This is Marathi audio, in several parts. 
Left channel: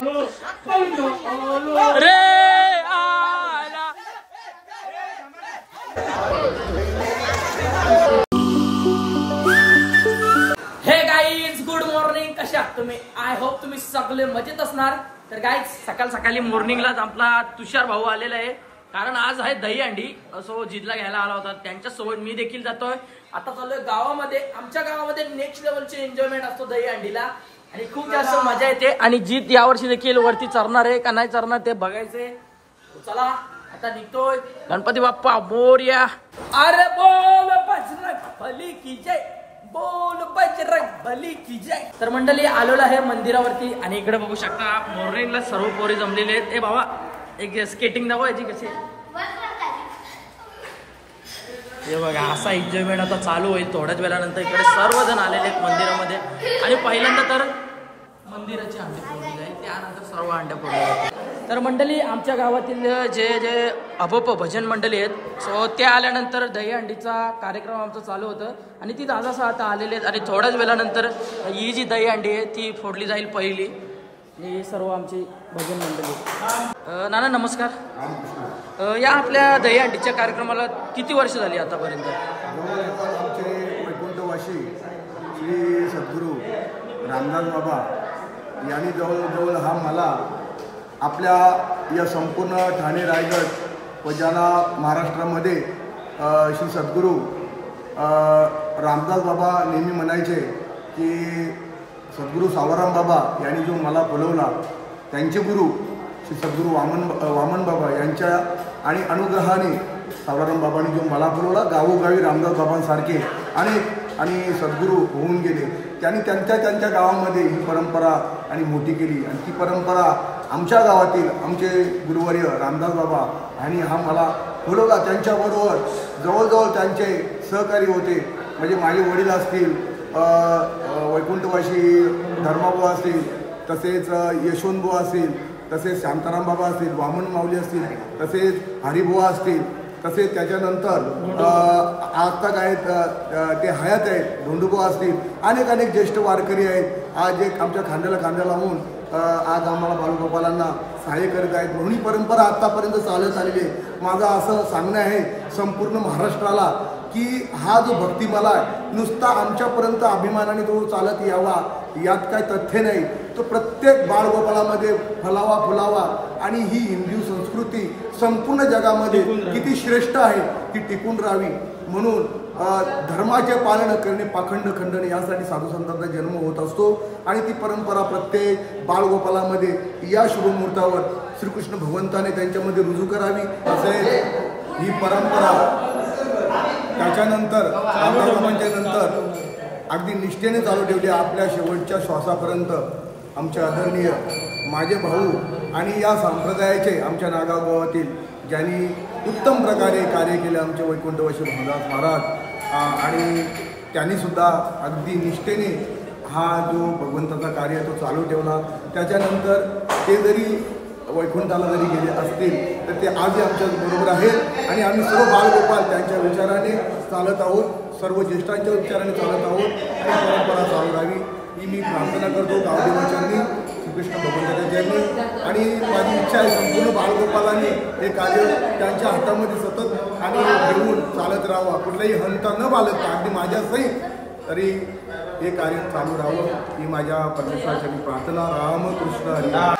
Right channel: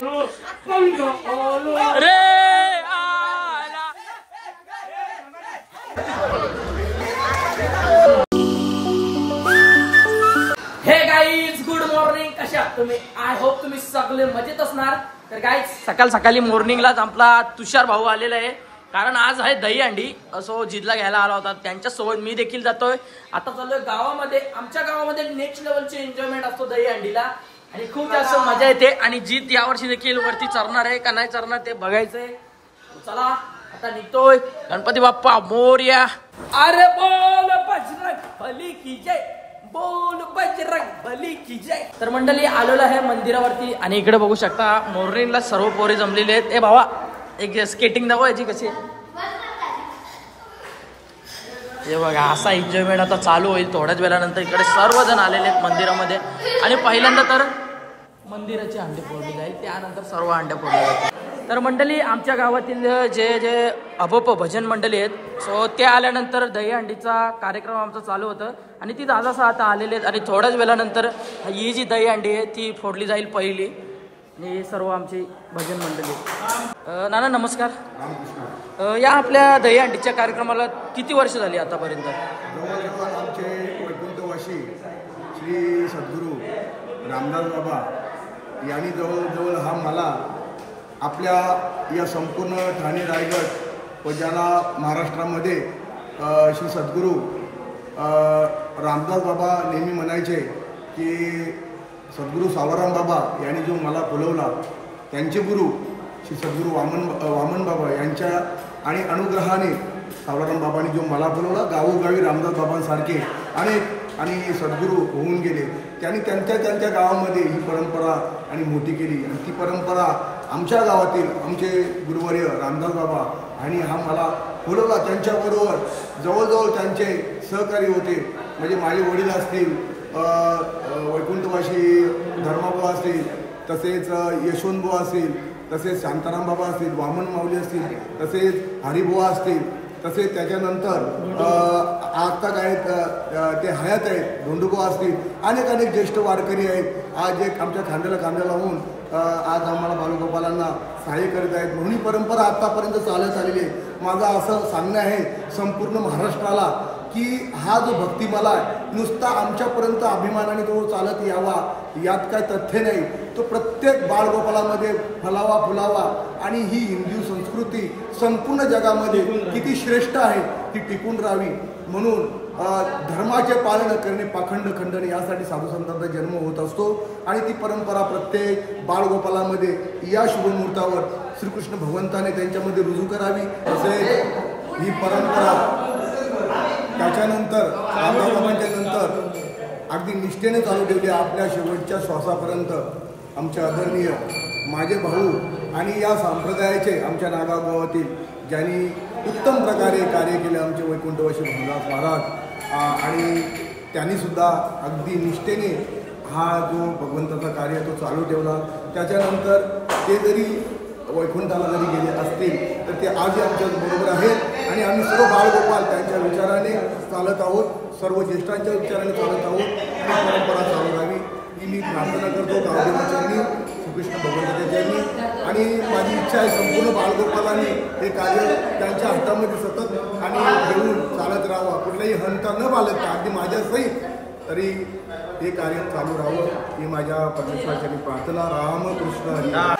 रे आला हे गाईज गुड मॉर्निंग. कशा तुम्ही? आय होप तुम्ही सगळे मजेत असणार. तर गाईज सकाळ सकाळी मॉर्निंगलाच आपला तुषार भाऊ आलेला आहे, कारण आज आहे दहीहंडी. असो जिदला घ्यायला आला होता, त्यांच्यासोबत मी देखील जातोय. आता चाललोय गावामध्ये. आमच्या गावामध्ये नेक्स्ट लेवलची एन्जॉयमेंट असतो दहीहंडीला आणि खूप जास्त मजा येते. आणि जीत यावर्षी देखील वरती चरणार आहे का नाही चरणार ते बघायचंय. चला आता निघतोय. गणपती बाप्पा मोरया. अरे बोल बजरंग बली की जय, बोल बजरंग बली की जय. तर मंडळी आलेलो आहे मंदिरावरती आणि इकडे बघू शकता मॉर्निंगला सर्व पोरी जमलेले आहेत. ए भावा एक स्केटिंग दाखव याची कशी आहे. हे बघा असा एन्जॉयमेंट आता चालू होईल थोड्याच वेळानंतर. इकडे सर्वजण आलेले आहेत मंदिरामध्ये आणि पहिल्यांदा तर मंदिराची अंडे फोडली जाईल, त्यानंतर सर्व अंड्या फोडल्या जातील. तर मंडळी आमच्या गावातील जे जे अभप भजन मंडळी आहेत, सो ते आल्यानंतर दहीहंडीचा कार्यक्रम आमचा चालू होतं आणि ती दादासा आता आलेले आहेत. आणि थोड्याच वेळानंतर ही जी दहीहंडी आहे ती फोडली जाईल पहिली. ही सर्व आमची भजन मंडळी. नाना नमस्कार. या आपल्या दहीहंडीच्या कार्यक्रमाला किती वर्ष झाली आतापर्यंत? जवळजवळ आमचे वैकुंठवासी श्री सद्गुरू रामदास बाबा यांनी जवळजवळ हा मला आपल्या या संपूर्ण ठाणे रायगड व ज्याला महाराष्ट्रामध्ये श्री सद्गुरू रामदास बाबा नेहमी म्हणायचे की सद्गुरू सावराम बाबा यांनी जो मला फुलवला, त्यांचे गुरु श्री सद्गुरू वामन बाबा यांच्या आणि अनुग्रहाने सावराम बाबांनी जो मला फुलवला, गावोगावी रामदास बाबांसारखे अनेक आणि सद्गुरू होऊन गेले. त्यांनी त्यांच्या गावामध्ये ही परंपरा आणि मोठी केली आणि ती परंपरा आमच्या गावातील आमचे गुरुवर्य रामदास बाबा आणि हा मला फुलवला. त्यांच्याबरोबर जवळजवळ त्यांचे सहकारी होते, म्हणजे माझे वडील असतील, वैकुंठवासी धर्माबुवा असतील, तसेच यशवंतबुवा असतील, तसेच शांताराम बाबा असतील, वामन माऊली असतील, तसेच हरिबुवा असतील, तसेच त्याच्यानंतर आता काय ते हयात आहेत धोंडुबुवा असतील, अनेक ज्येष्ठ वारकरी आहेत. आज एक आमच्या खांद्याला खांद्या लावून आज आम्हाला बालगोपालांना सहाय्य करीत आहेत. म्हणून ही परंपरा आत्तापर्यंत चालत आलेली आहे. माझं असं सांगणं आहे संपूर्ण महाराष्ट्राला की हा जो भक्तिमाला आहे नुसता आमच्यापर्यंत अभिमानाने तो चालत यावा यात काय तथ्य नाही. तो प्रत्येक बाळगोपाळामध्ये फलावा फुलावा आणि ही हिंदू संस्कृती संपूर्ण जगामध्ये किती श्रेष्ठ आहे ती टिकून राहावी म्हणून धर्माचे पालन करणे पाखंड खंडने यासाठी साधुसंतांचा जन्म होत असतो. आणि ती परंपरा प्रत्येक बाळगोपाळामध्ये या शुभमुहूर्तावर श्रीकृष्ण भगवंताने त्यांच्यामध्ये रुजू करावी. तसेच ही परंपरा त्याच्यानंतर रामदास बाबांच्या नंतर अगदी निष्ठेने चालू ठेवली आपल्या शेवटच्या श्वासापर्यंत. आमचे आदरणीय माझे भाऊ आणि या संप्रदायाचे आमच्या नागाव गावातील ज्यांनी उत्तम प्रकारे कार्य केले आमचे वैकुंठवासी भाऊदास महाराज आणि त्यांनीसुद्धा अगदी निष्ठेने हा जो भगवंताचा कार्य तो चालू ठेवला. त्याच्यानंतर ते जरी वैकुंठाला जरी गेले असतील तर ते आजही आमच्याबरोबर आहेत आणि आम्ही सर्व बाळगोपाल त्यांच्या विचाराने चालत आहोत, सर्व ज्येष्ठांच्या विचाराने चालत आहोत आणि परंपरा चालू राहावी ही मी प्रार्थना करतो गावदेवाच्यांनी, श्रीकृष्ण भगवंताच्या चरणी. आणि माझी इच्छा आहे संपूर्ण बाळगोपालांनी हे कार्य त्यांच्या हातामध्ये सतत आणि घेऊन चालत राहावा, कुठलाही हंता न बाळगता अगदी माझ्यासहित तरी हे कार्य चालू राहावं ही माझ्या परमेश्वराची प्रार्थना. रामकृष्ण हरी.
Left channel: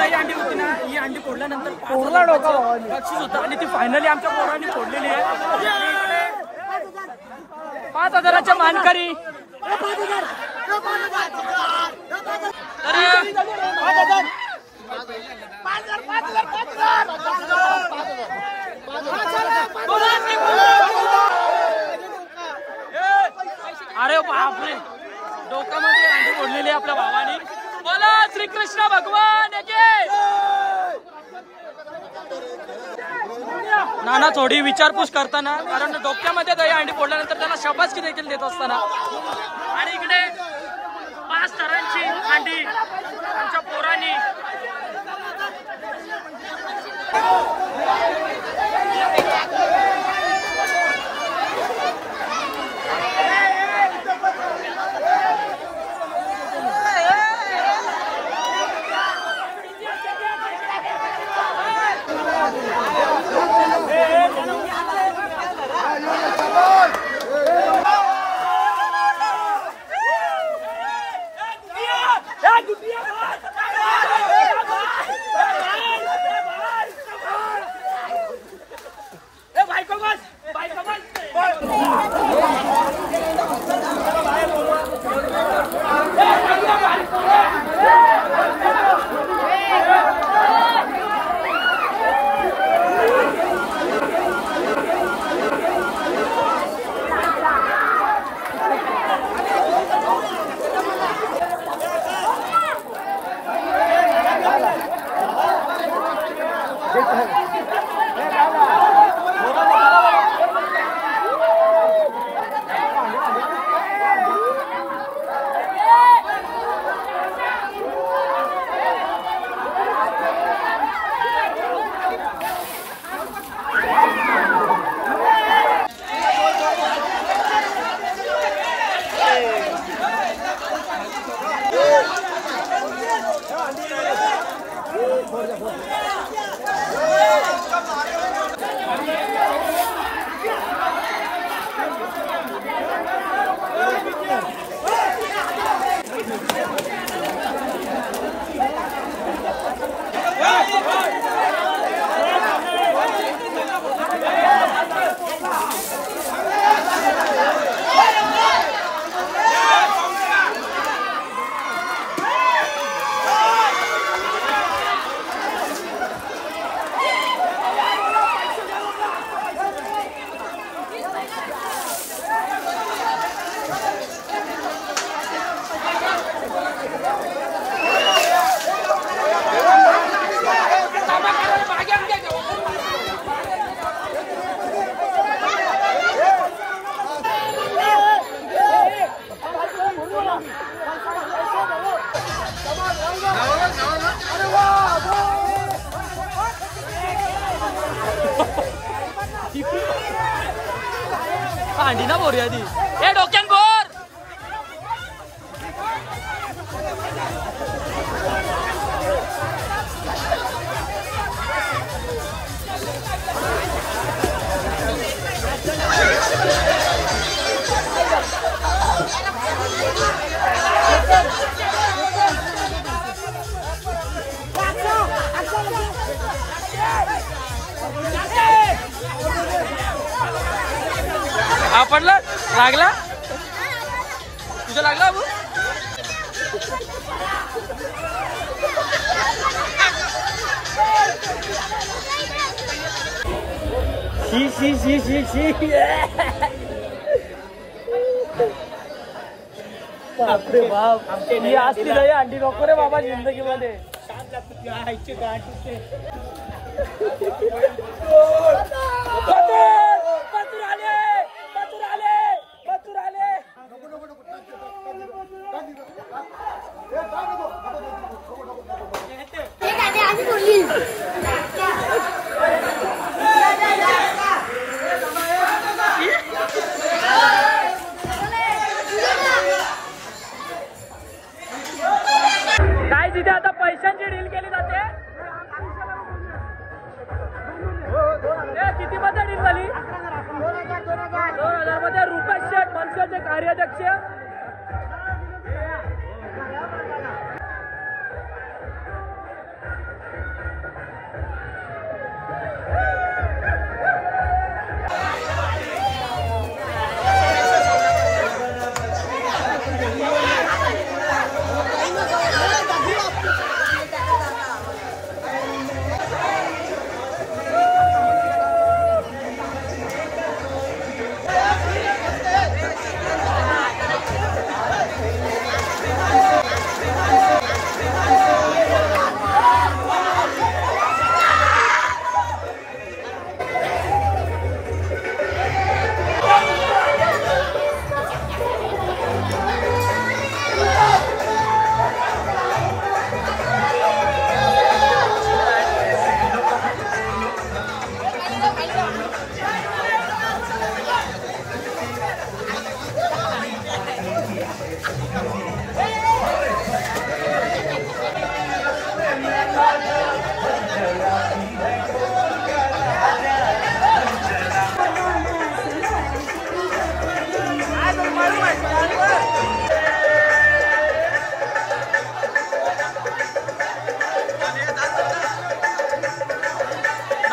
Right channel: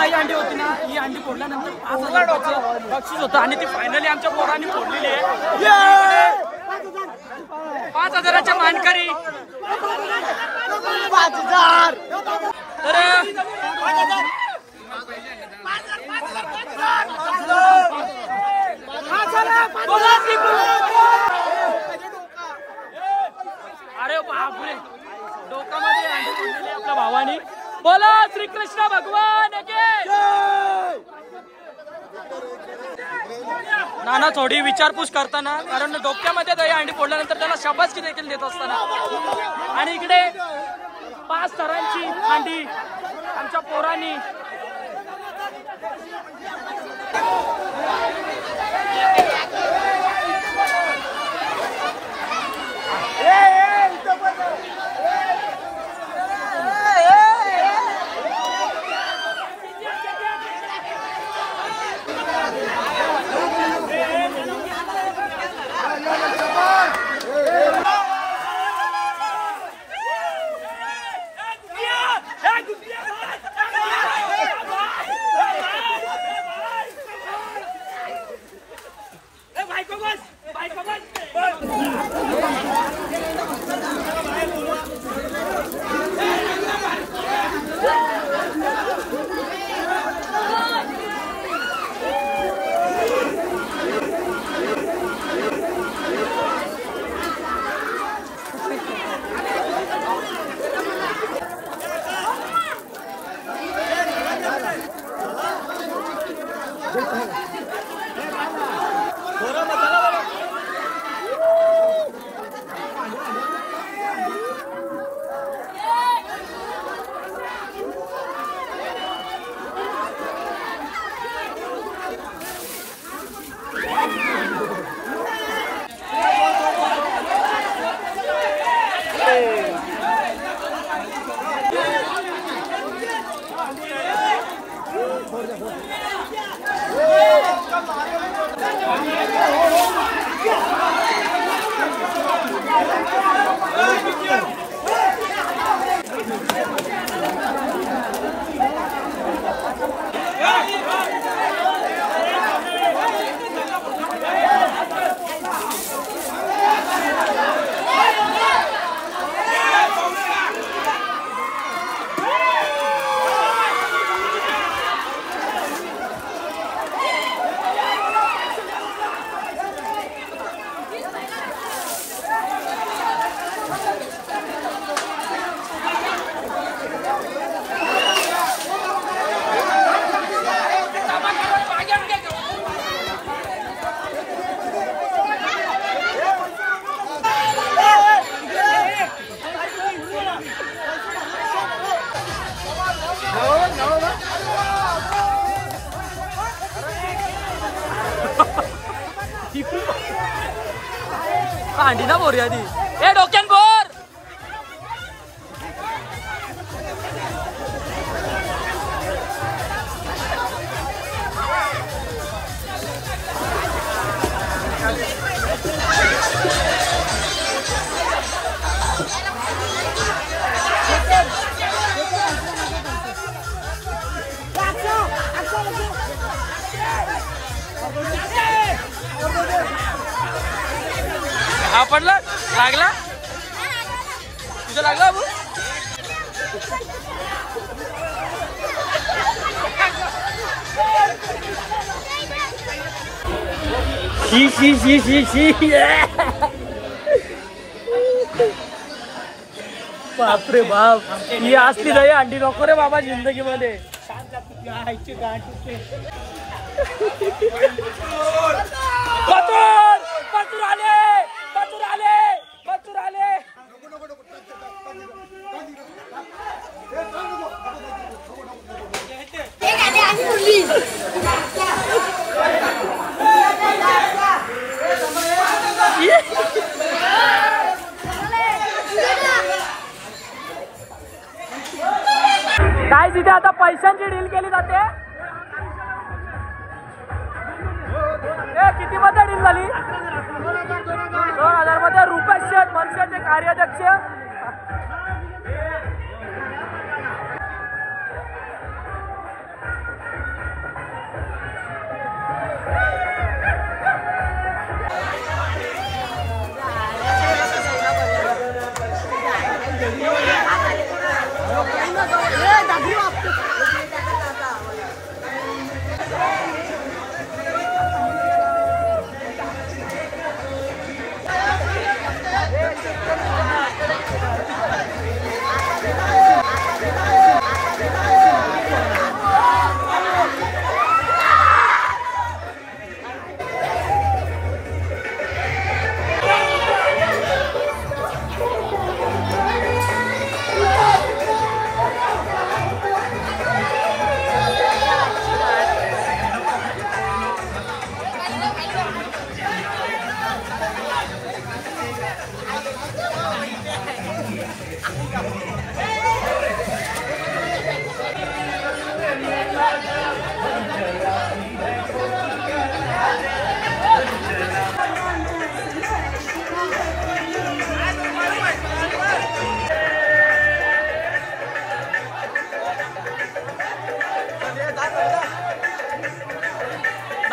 दही अंडी होती ना, ही अंडी फोडल्यानंतर 5,000 रुपयाचं बक्षीस होतं आणि ती फायनली आमच्या पोरांनी फोडलेली आहे. इकडे 5,000च्या मानकरी. तर अरे बापरे, डोकामध्ये अंडी फोडलेली आपल्या भावानी. बोला श्रीकृष्ण भगवान के. नाना थोडी विचारपूस करताना, कारण डोक्यामध्ये दही अंडी फोडल्यानंतर त्याला शाबासकी देखील देत असताना. आणि इकडे 5 थरांची अंडी आमच्या पोरांनी. अंडी ना बोर आधी. ए डोक्यान बोर. आपण लागला तुझं लागला अबू. शी शी शी शी शी. बापरे बाप, ही असली दही अंडी नको रे बाबा जिंदगीमध्ये. पतूर आले, पतूर आले, पतूर आले. काय तिथे आता पैशांची डील केली जाते. किती मध्ये डील झाली. 2000 मध्ये रुपेश शेठ मनसेचे कार्याध्यक्ष.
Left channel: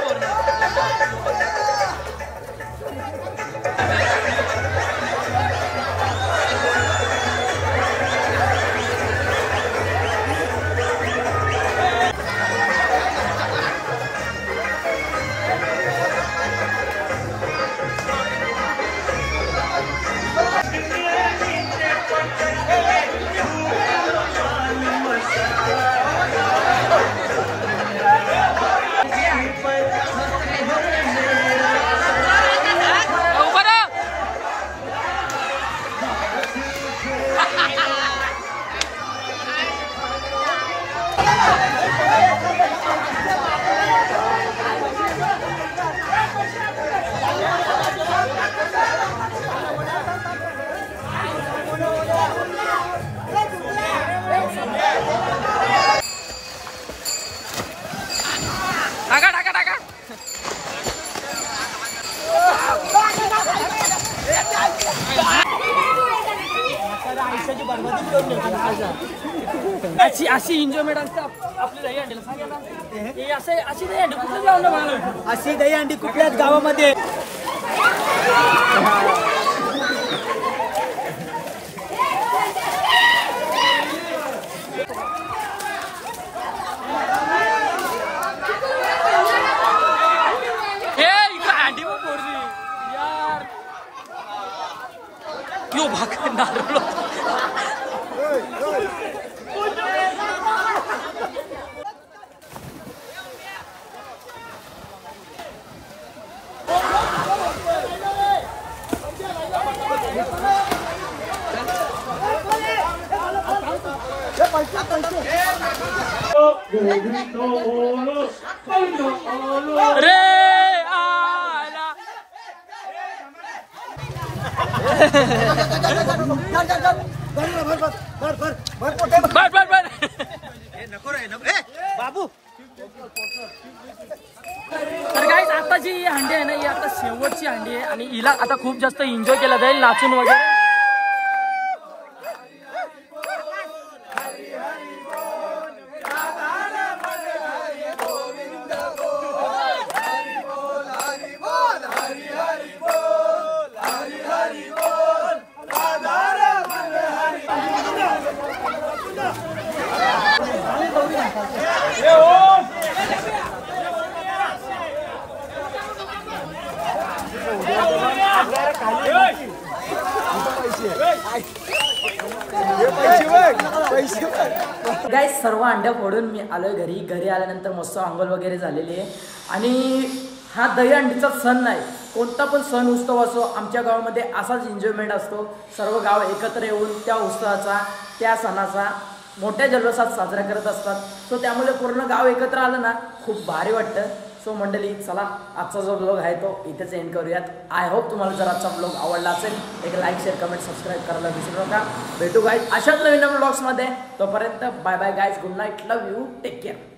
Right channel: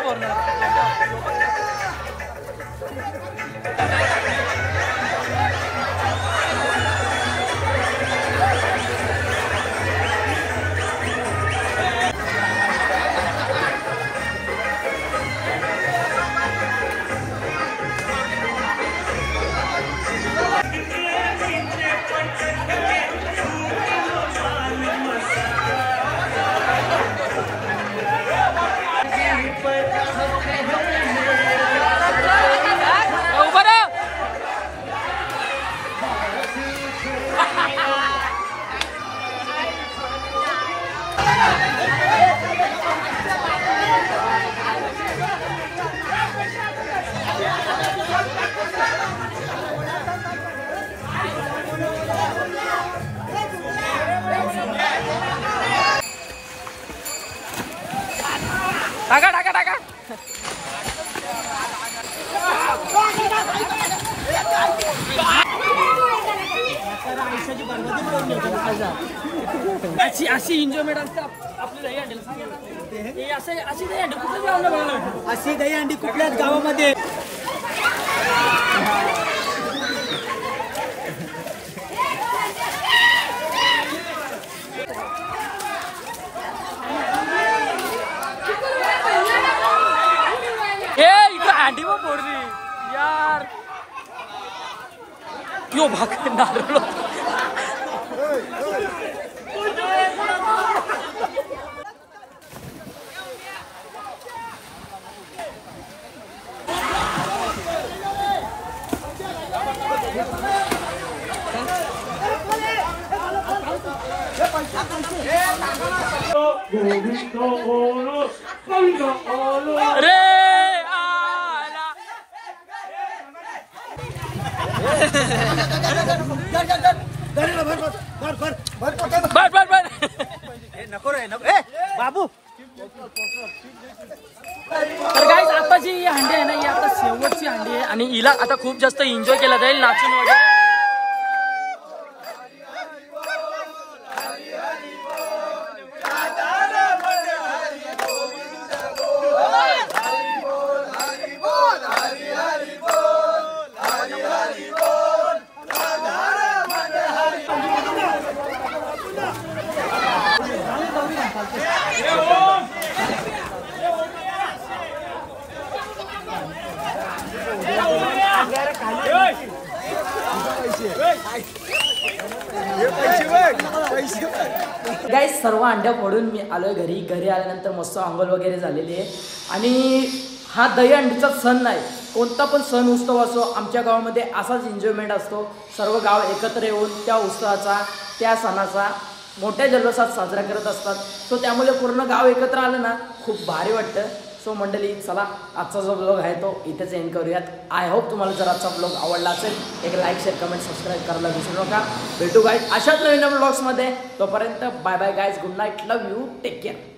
का भरणार. टाका टाका टाका. अशी एन्जॉयमेंट असते आपली दही अंडीला. सांगा ना अशी दही अंडी कुठे जाऊ ना बघा. अशी दही अंडी कुठल्याच गावामध्ये अंडी मग पोरली यार. यो भाग नारळ. रे बाबू. तर गाईज आता जी हंडी आहे ना ही आता शेवटची हंडी आहे आणि हिला आता खूप जास्त एन्जॉय केला जाईल नाचून वगैरे. गाईस सर्व अंड्या फोडून मी आलोय घरी आल्यानंतर मस्त अंघोळ वगैरे झालेली आहे. आणि हा दही अंडीचा सण नाही, कोणता पण सण उत्सव असो आमच्या गावामध्ये असाच एन्जॉयमेंट असतो. सर्व गाव एकत्र येऊन त्या उत्सवाचा त्या सणाचा मोठ्या जल्लोषात साजरा करत असतात. सो त्यामुळे पूर्ण गाव एकत्र आलं ना खूप भारी वाटतं. सो मंडळी चला आजचा जो ब्लॉग आहे तो इथेच एंड करूयात. आय होप तुम्हाला जर आजचा ब्लॉग आवडला असेल एक लाईक शेअर कमेंट सबस्क्राईब करायला विसरू नका. भेटू गाईज अशाच नवीन ब्लॉग्समध्ये. तोपर्यंत bye bye guys. Good night. Love you. Take care.